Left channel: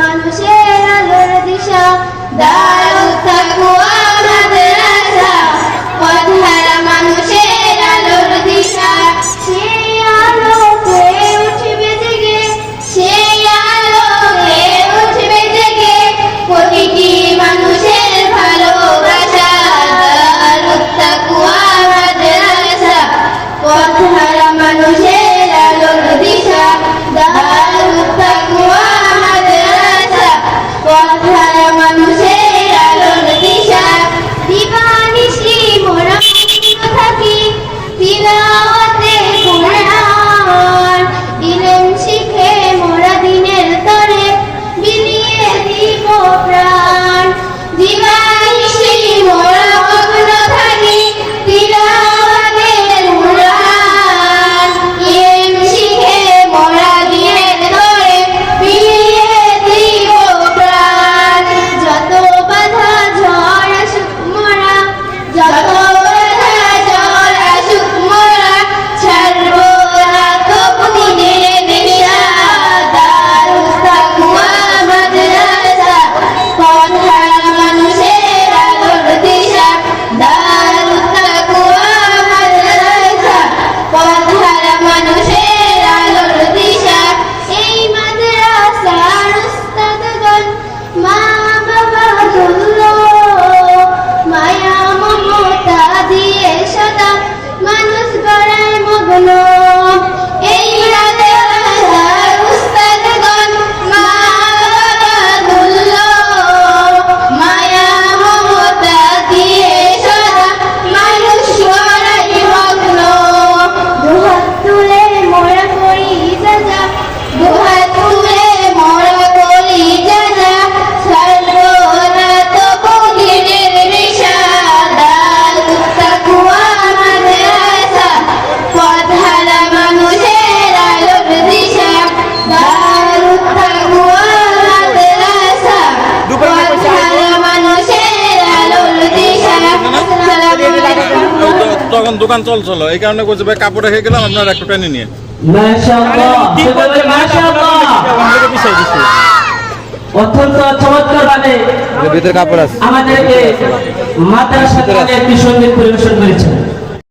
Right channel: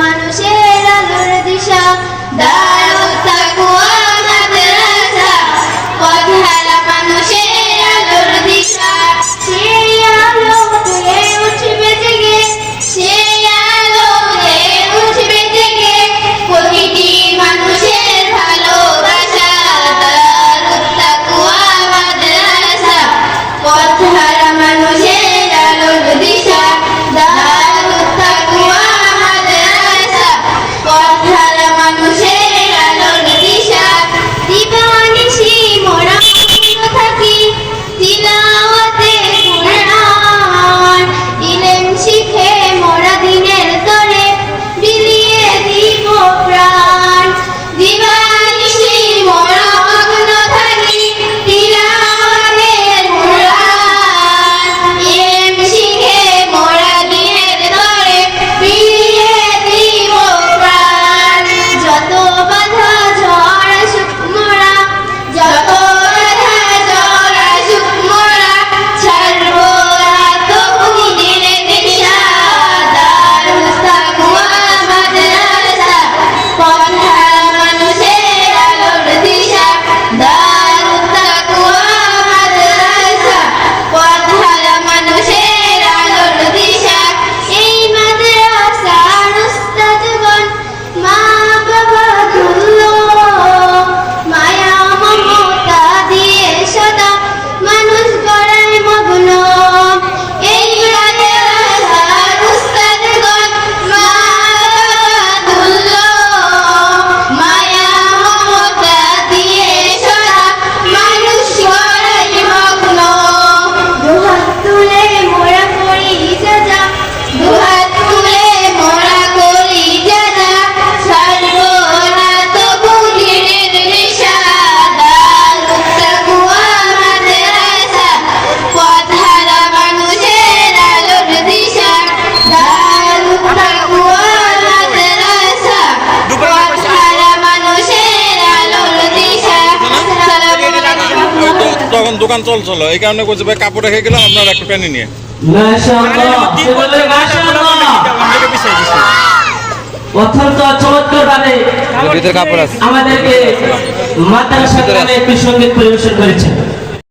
মানুষের আলোর দিশা দাঁড়াও থাকুয়া এখন দোকান চলছিল এই কারণে করছে ভাই কাপড় রেখে গেলাম আপনার একটা প্যানি নিয়ে কাপড় আছে। আমাদেরকে মাদ্রাসা একটি পরিবেশন করেছে